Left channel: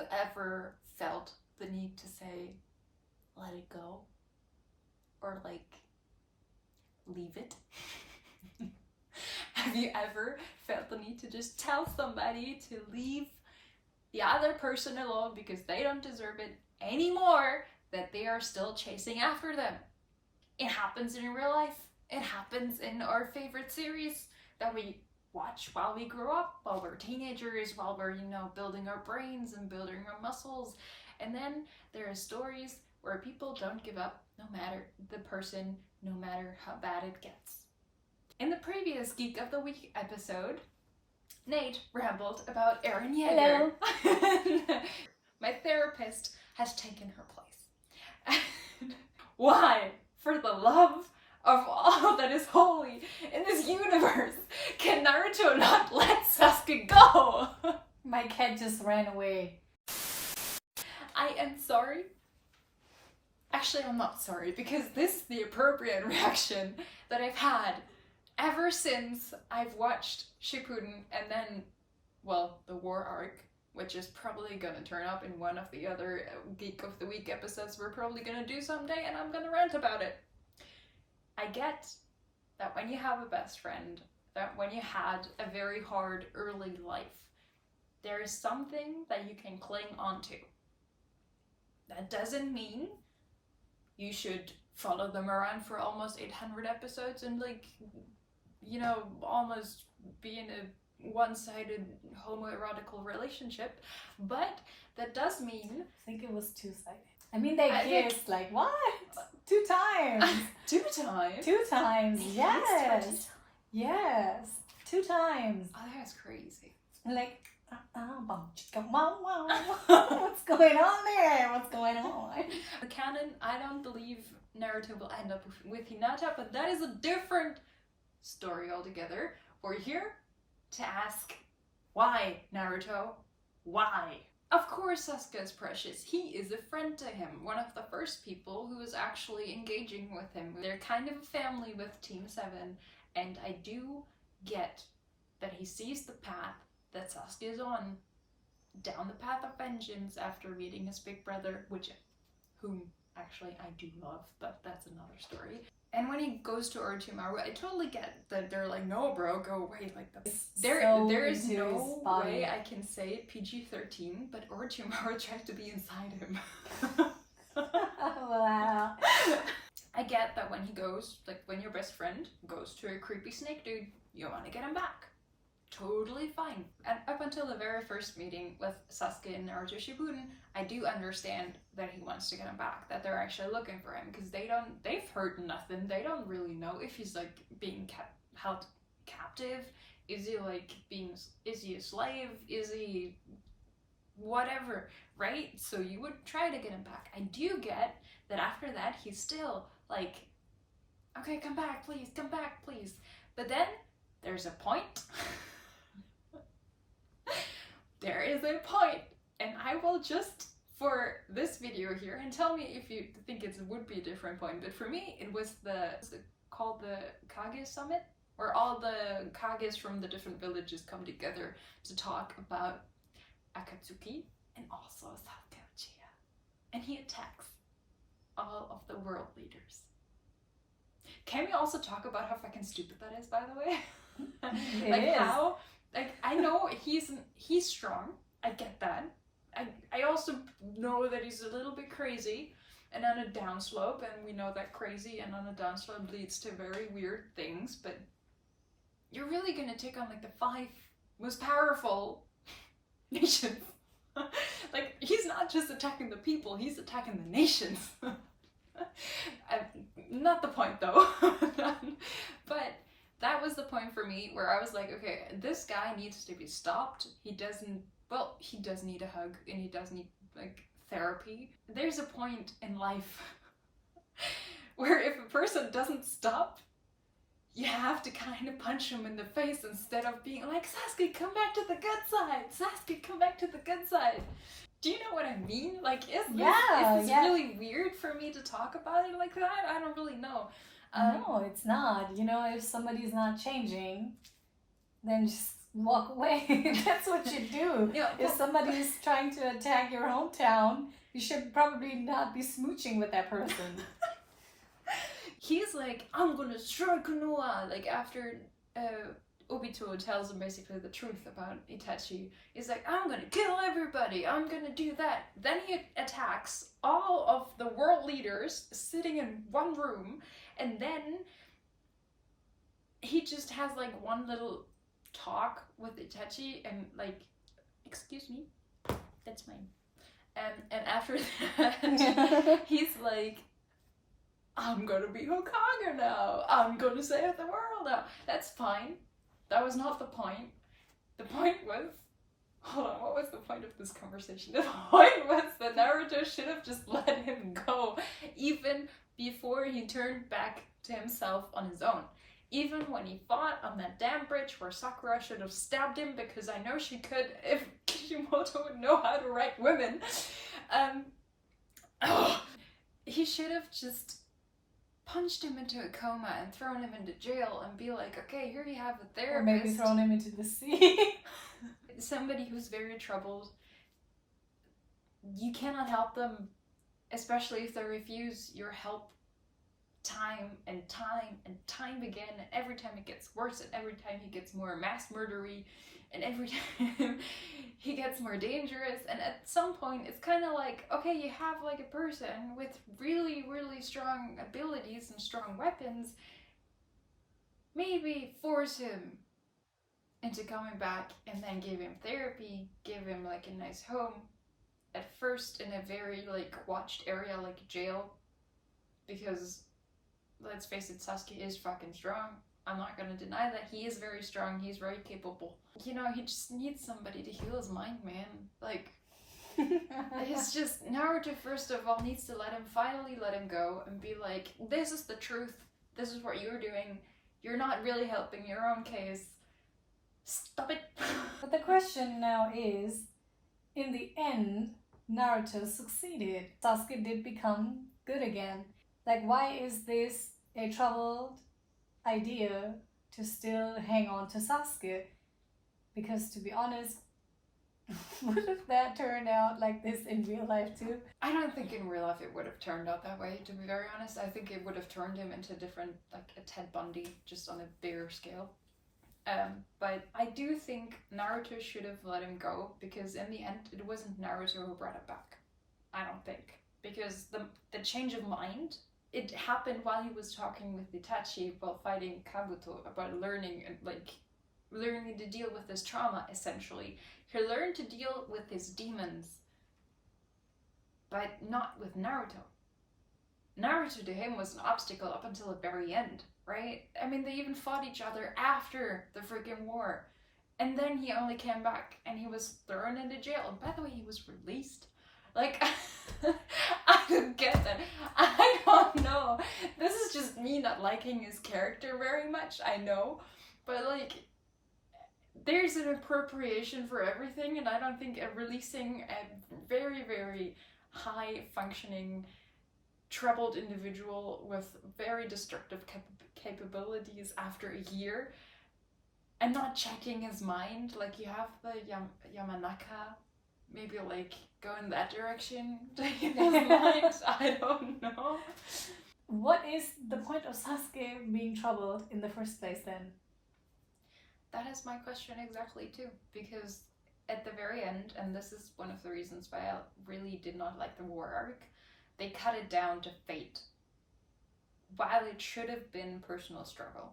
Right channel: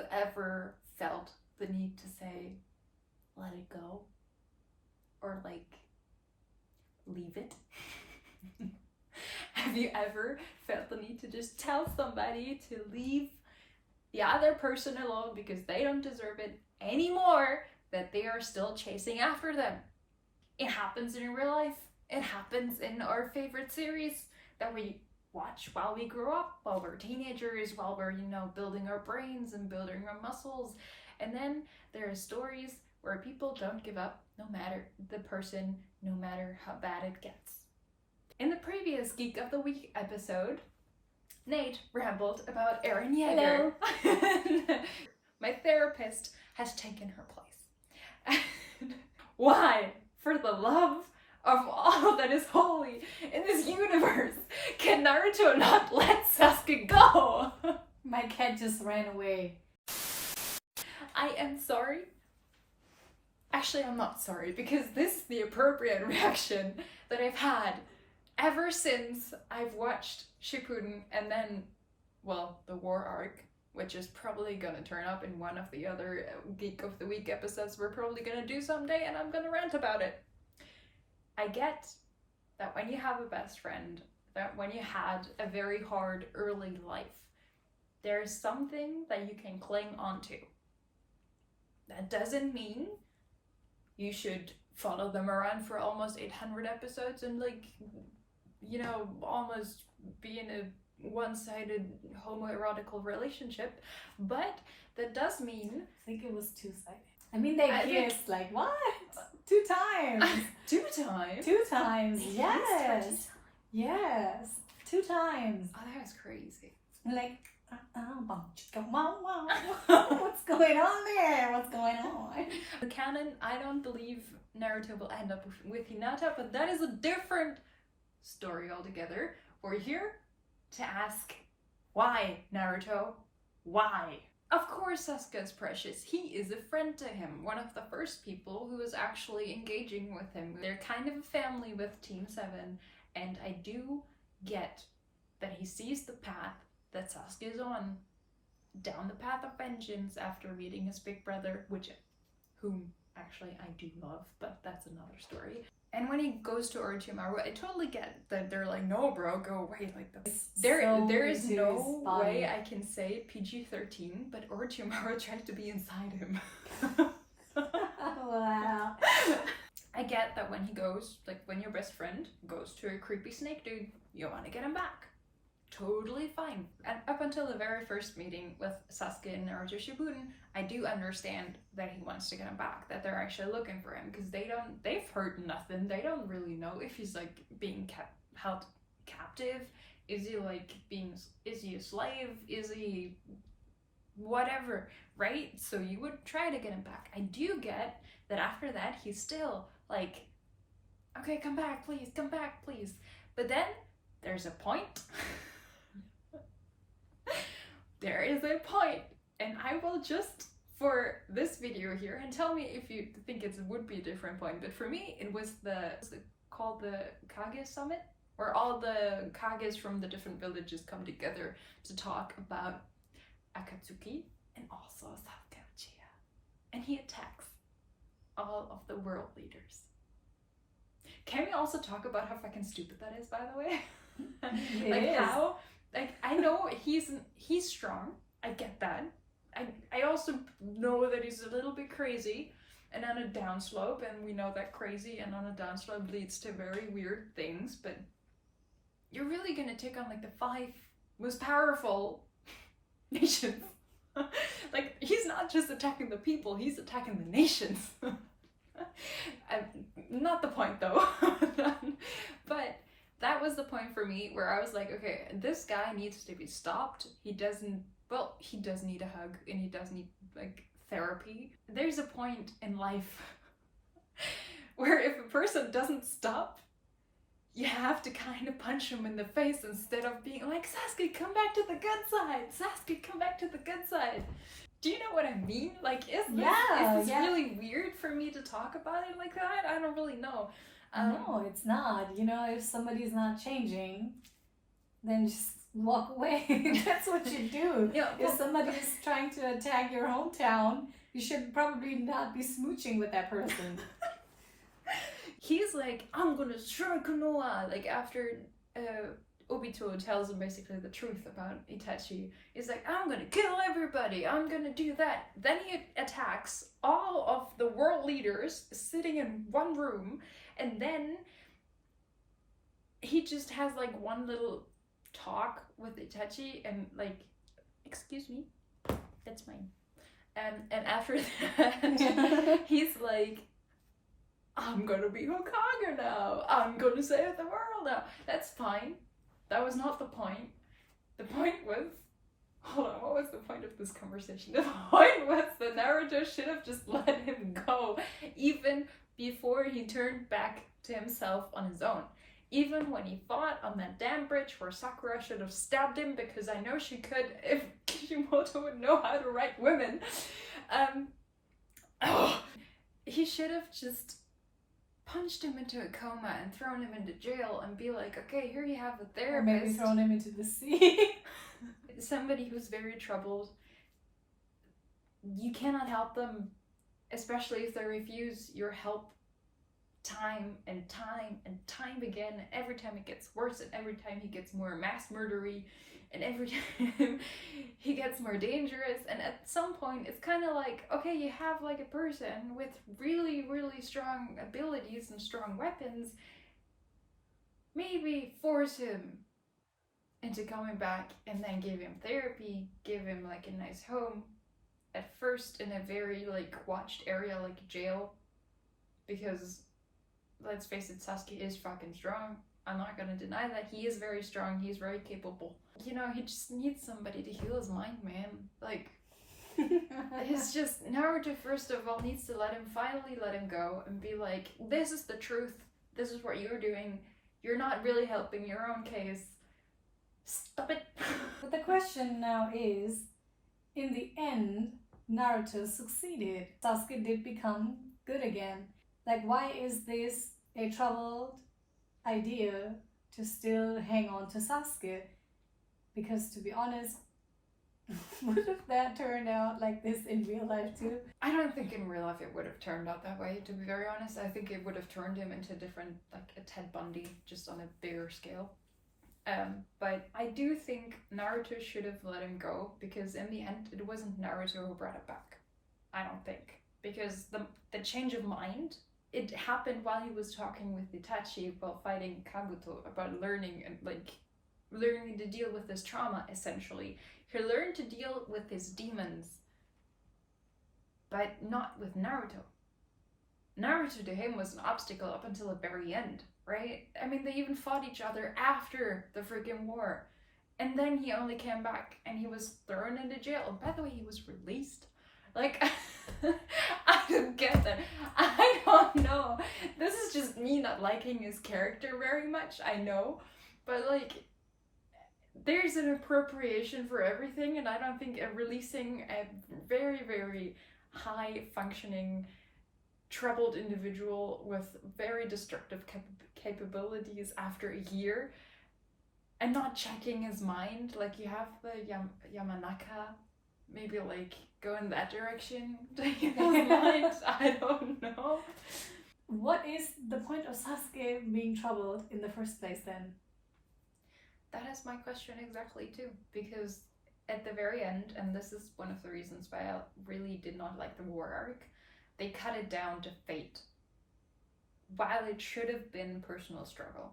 you ever felt the need to say, let it go? Or like, leave it? Have you ever felt the need to just tell somebody to leave the other person alone because they don't deserve it anymore, that they are still chasing after them? It happens in real life. It happens in our favorite series that we watch while we grow up, while we're teenagers, while we're, building our brains and building our muscles. And then there are stories where people don't give up no matter the person, no matter how bad it gets. In the previous Geek of the Week episode, Nate rambled about Eren Yeager. My therapist has taken her place. Why, for the love of all that is holy in this universe, can Naruto not let Sasuke go? My cat just ran away. I am sorry. Actually, I'm not sorry, because this is the appropriate reaction that I've had ever since I've watched Shippuden and then, the War arc, which is probably gonna turn up in one of the other Geek of the Week episodes we're probably gonna do someday, and I'm gonna rant about it. I get that when you have a best friend, that when you had a very hard early life, there's something that you can cling onto. That doesn't mean you should follow them around for almost 800 episodes and almost be in a one-sided homoerotical relationship, but that does mean... I think it was two-sided. I mean, they kissed, like, what? 2 times. 2 times? 2 times, yes. Yes, 2 times. Oh, that was crazy. Like, what's going on there? What's going on? The canon, I don't believe Naruto will end up with Hinata, but that is a different story altogether. We're here to ask, why, Naruto? Why? Of course Sasuke is precious. He is a friend to him, one of the first people who is actually engaging with him. They're kind of a family with Team 7, and I do get that he sees the path that Sasuke is on, down the path of vengeance after meeting his big brother, whom actually I do love, but that's another story. And when he goes to Orochimaru, I totally get that they're like, no bro, go away. Like, there is no way I can say PG-13, but Orochimaru tried to be inside him. Wow. I get that when he goes, like when your best friend goes to a creepy snake dude, you want to get him back. Totally fine. And up until the very first meeting with Sasuke and Naruto Shippuden, I do understand that he wants to get him back, that they're actually looking for him, because they've heard nothing. They don't really know if he's like being held captive. Is he a slave? Is he whatever, right? So you would try to get him back. I do get that after that, he's still like, okay, come back, please. But then there's a point. There is a point, and I will just, for this video here, and tell me if you think it would be a different point, but for me, it was called the Kage Summit, where all the Kages from the different villages come together to talk about Akatsuki and also Sasuke Uchiha. And he attacks all of the world leaders. Can we also talk about how fucking stupid that is, by the way? I know he's strong. I get that. I also know that he's a little bit crazy and on a downslope, and we know that crazy and on a downslope leads to very weird things, but you're really gonna take on like the 5 most powerful nations. Like, he's not just attacking the people, he's attacking the nations. Not the point though. But that was the point for me where I was like, okay, this guy needs to be stopped. He does need a hug, and he does need like therapy. There's a point in life where if a person doesn't stop, you have to kind of punch him in the face instead of being like, Sasuke, come back to the good side. Sasuke, come back to the good side. Do you know what I mean? Like, is this really weird for me to talk about it like that? I don't really know. No, it's not. You know, if somebody's not changing, then just walk away. That's what you do. Yeah, If somebody is trying to attack your hometown, you should probably not be smooching with that person. He's like, I'm gonna strike Noah. Like after Obito tells him basically the truth about Itachi. He's like, I'm gonna kill everybody. I'm gonna do that. Then he attacks all of the world leaders sitting in one room, and then he just has like one little talk with Itachi and like, excuse me, that's mine. And after that, he's like, I'm gonna be Hokage now. I'm gonna save the world now. That's fine. That was not the point. The point was, hold on, what was the point of this conversation? The point was that Naruto should have just let him go, even before he turned back to himself on his own. Even when he fought on that damn bridge where Sakura should have stabbed him, because I know she could if Kishimoto would know how to write women. He should have just punched him into a coma and thrown him into jail and be like, okay, here you have a therapist. Or maybe thrown him into the sea. Somebody who's very troubled. You cannot help them, especially if they refuse your help time and time and time again. And every time it gets worse, and every time he gets more mass murdery, and every time he gets more dangerous. And at some point, it's kind of like, okay, you have like a person with really, really strong abilities and strong weapons. Maybe force him into coming back and then give him therapy, give him like a nice home. At first in a very like watched area like jail. Because let's face it, Sasuke is fucking strong. I'm not gonna deny that. He is very strong, he's very capable. You know, he just needs somebody to heal his mind, man. Like, it's just, Naruto first of all needs to finally let him go and be like, this is the truth, this is what you're doing, you're not really helping your own case. Stop it. But the question now is, in the end, Naruto succeeded. Sasuke did become good again. Like, why is this a troubled idea to still hang on to Sasuke? Because to be honest, what if that turned out like this in real life too? I don't think in real life it would have turned out that way, to be very honest. I think it would have turned him into different, like a Ted Bundy, just on a bigger scale. But I do think Naruto should have let him go, because in the end it wasn't Naruto who brought it back. I don't think. Because the change of mind, it happened while he was talking with Itachi while fighting Kabuto about learning to deal with his trauma, essentially. He learned to deal with his demons, but not with Naruto. Naruto to him was an obstacle up until the very end, right? I mean, they even fought each other after the freaking war. And then he only came back and he was thrown into jail. And by the way, he was released. Like, I don't get that. I don't know. This is just me not liking his character very much, I know. But like, there's an appropriation for everything, and I don't think releasing a very, very high functioning, troubled individual with very destructive capabilities after a year and not checking his mind, like you have the Yamanaka, maybe like go in that direction to his mind. I don't know. What is the point of Sasuke being troubled in the first place then? That is my question exactly too, because at the very end, and this is one of the reasons why I really did not like the war arc, they cut it down to fate, while it should have been personal struggle.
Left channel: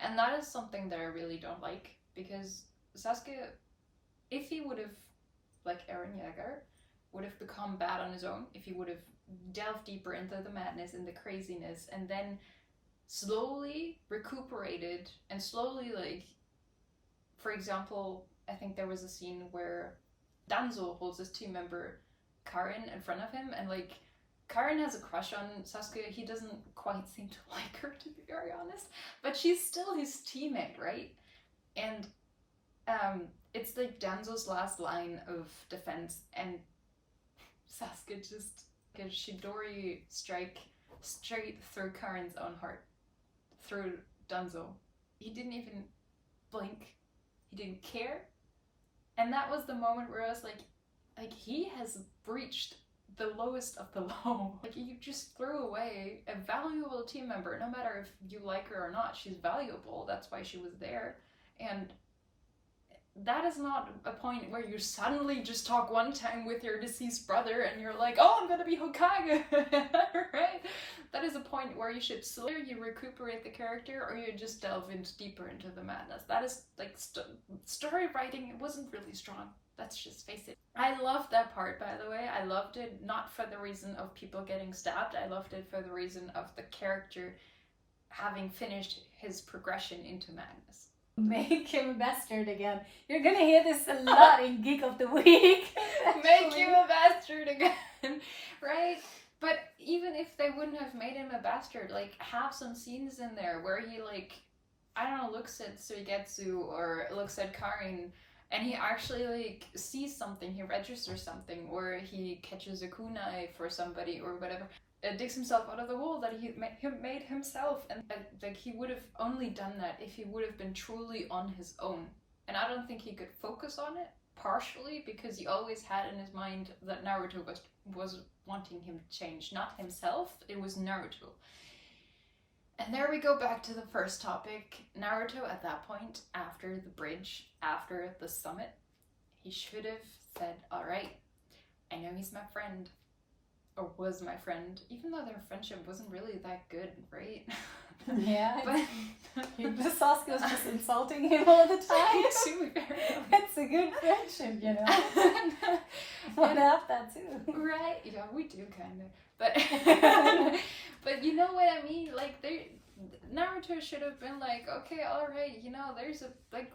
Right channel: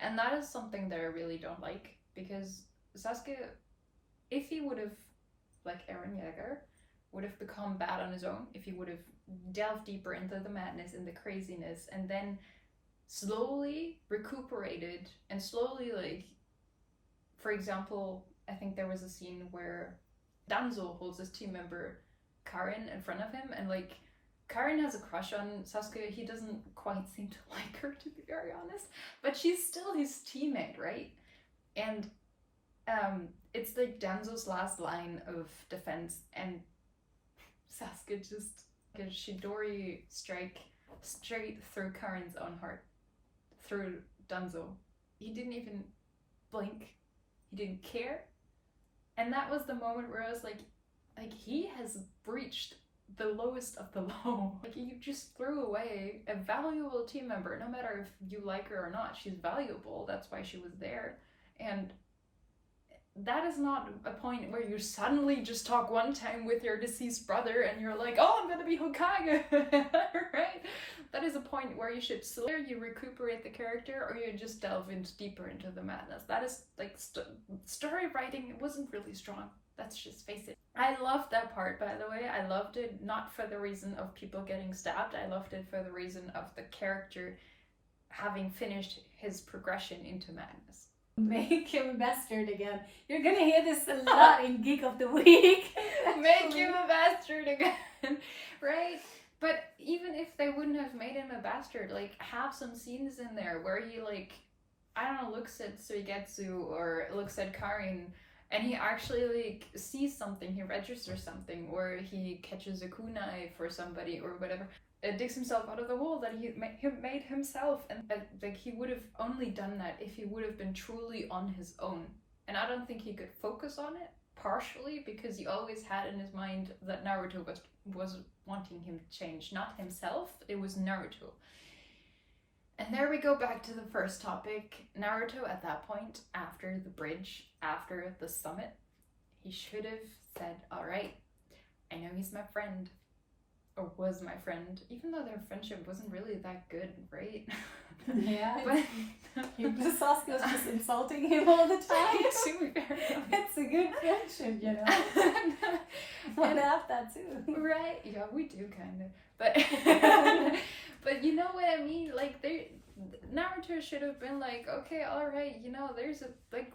And that is something that I really don't like, because Sasuke, if he would have, like Eren Yeager, would have become bad on his own, if he would have delved deeper into the madness and the craziness, and then slowly recuperated and slowly, like, for example, I think there was a scene where Danzo holds his team member Karin in front of him, and like Karin has a crush on Sasuke. He doesn't quite seem to like her, to be very honest, but she's still his teammate, right? And it's like Danzo's last line of defense, and Sasuke just gets Shidori strike straight through Karin's own heart, through Danzo. He didn't even blink. He didn't care. And that was the moment where I was like he has breached the lowest of the low. Like, you just threw away a valuable team member. No matter if you like her or not, she's valuable. That's why she was there. And that is not a point where you suddenly just talk one time with your deceased brother and you're like, oh, I'm gonna be Hokage, right? That is a point where you should slowly you recuperate the character, or you just delve deeper into the madness. That is like story writing. It wasn't really strong. Let's just face it. I loved that part, by the way. I loved it not for the reason of people getting stabbed. I loved it for the reason of the character having finished his progression into madness. Make him a bastard again. You're gonna hear this a lot in Geek of the Week. Make him a bastard again, right? But even if they wouldn't have made him a bastard, like, have some scenes in there where he, like, I don't know, looks at Suigetsu or looks at Karin and he actually, like, sees something, he registers something, or he catches a kunai for somebody or whatever. Digs himself out of the hole that he made himself, and like, he would have only done that if he would have been truly on his own. And I don't think he could focus on it, partially because he always had in his mind that Naruto was wanting him to change, not himself. It was Naruto. And there we go back to the first topic. Naruto at that point, after the bridge, after the summit, he should have said, all right, I know he's my friend. Or was my friend, even though their friendship wasn't really that good, right? Yeah, but Sasuke was just insulting him all the time. To be fair, it's a good friendship, you know. I have that too. Right? Yeah, we do kind of, but but you know what I mean. Like, Naruto should have been like, okay, all right, you know, there's a like.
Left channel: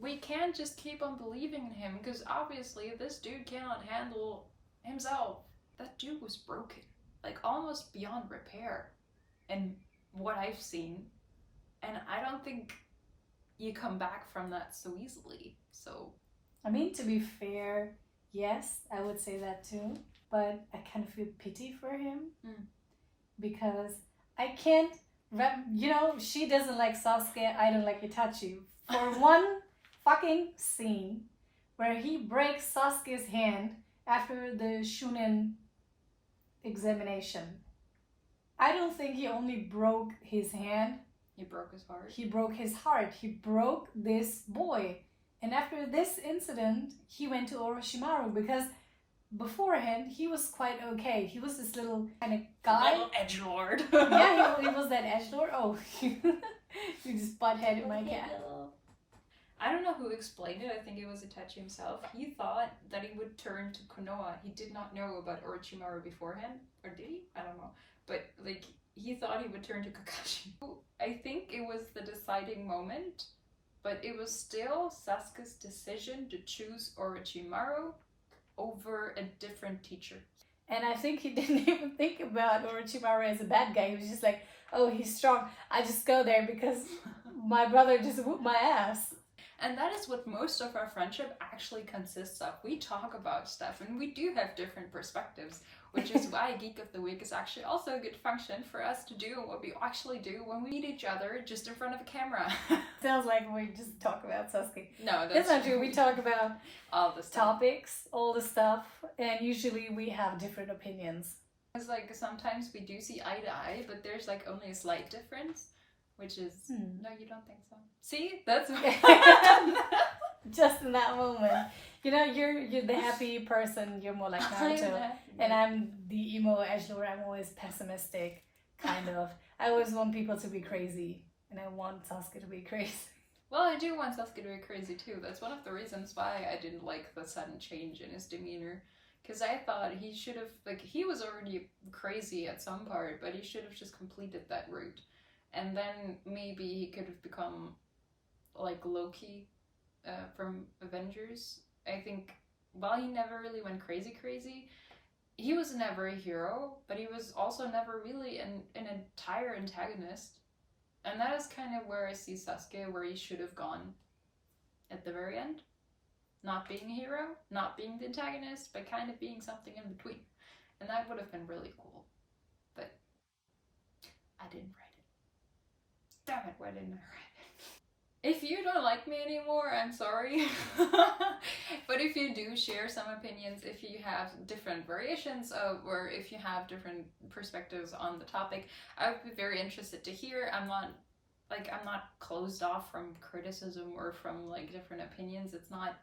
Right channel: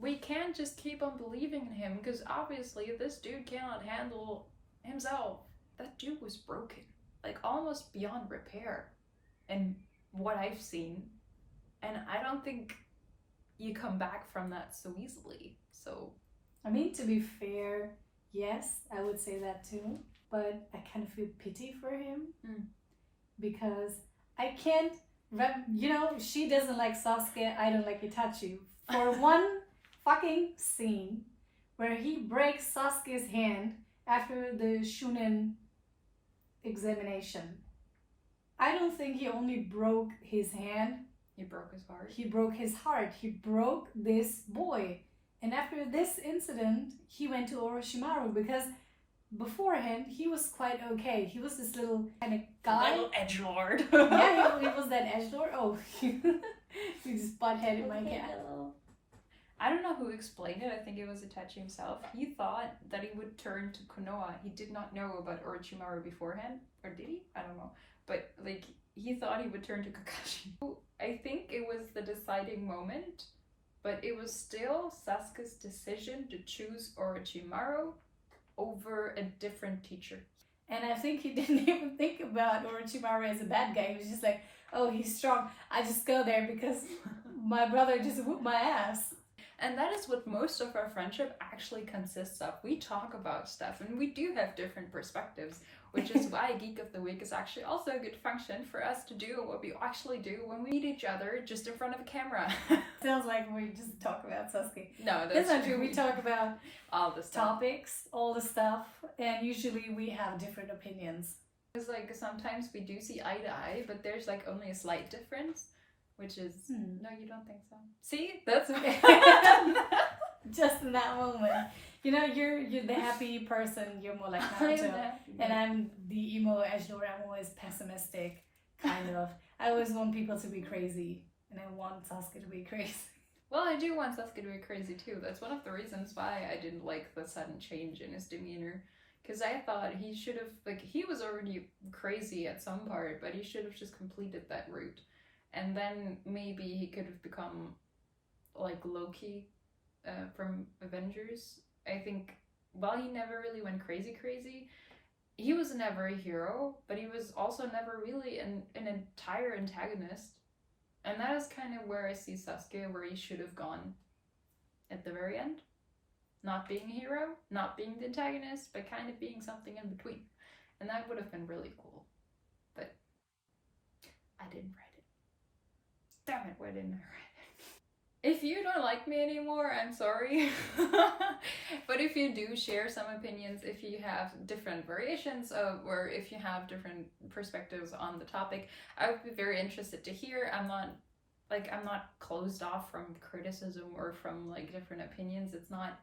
We can't just keep on believing in him, because obviously this dude cannot handle himself. That dude was broken, like, almost beyond repair, and what I've seen, and I don't think you come back from that so easily. So, I mean, to be fair, yes, I would say that too, but I kind of feel pity for him because I can't, you know, she doesn't like Sasuke, I don't like Itachi. For one fucking scene where he breaks Sasuke's hand after the Shunin examination, I don't think he only broke his hand. He broke his heart. He broke his heart. He broke this boy. And after this incident, he went to Orochimaru, because beforehand he was quite okay. He was this little kind of guy. Little edgelord. Yeah, he was that edgelord. Oh, you just butt-headed my cat. I don't know who explained it. I think it was Itachi himself. He thought that he would turn to Konoha. He did not know about Orochimaru beforehand. Or did he? I don't know. But, like, he thought he would turn to Kakashi. I think it was the deciding moment, but it was still Sasuke's decision to choose Orochimaru over a different teacher. And I think he didn't even think about Orochimaru as a bad guy. He was just like, oh, he's strong. I just go there because my brother just whooped my ass. And that is what most of our friendship actually consists of. We talk about stuff and we do have different perspectives, which is why Geek of the Week is actually also a good function for us to do what we actually do when we meet each other just in front of a camera. Sounds like we just talk about Sasuke. No, that's not true. We talk about all the stuff. Topics, all the stuff, and usually we have different opinions. It's like sometimes we do see eye to eye, but there's like only a slight difference. Which is, no, you don't think so. See? That's okay. Just in that moment. You know, you're the happy person, you're more like Naruto. And I'm the emo edgelord, I'm always pessimistic, kind of. I always want people to be crazy, and I want Sasuke to be crazy. Well, I do want Sasuke to be crazy too. That's one of the reasons why I didn't like the sudden change in his demeanor. Because I thought he should have, like, he was already crazy at some part, but he should have just completed that route. And then maybe he could have become like Loki from Avengers. I think while he never really went crazy, he was never a hero, but he was also never really an entire antagonist. And that is kind of where I see Sasuke, where he should have gone at the very end. Not being a hero, not being the antagonist, but kind of being something in between. And that would have been really cool. But I didn't write it. Damn it, why didn't I write it? If you don't like me anymore, I'm sorry. But if you do share some opinions, if you have different variations of, or if you have different perspectives on the topic, I would be very interested to hear. I'm not closed off from criticism or from like different opinions. It's not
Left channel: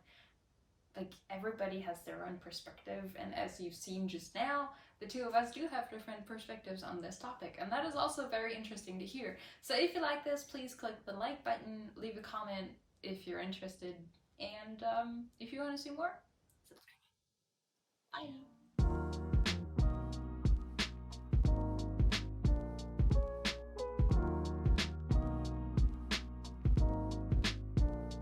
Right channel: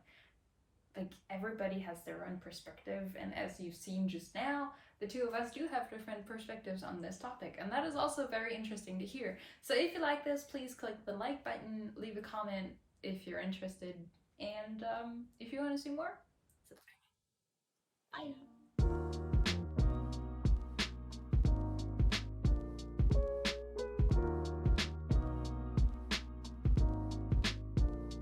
like everybody has their own perspective, and as you've seen just now, the two of us do have different perspectives on this topic, and that is also very interesting to hear. So if you like this, please click the like button, leave a comment if you're interested, and if you want to see more, subscribe. Bye.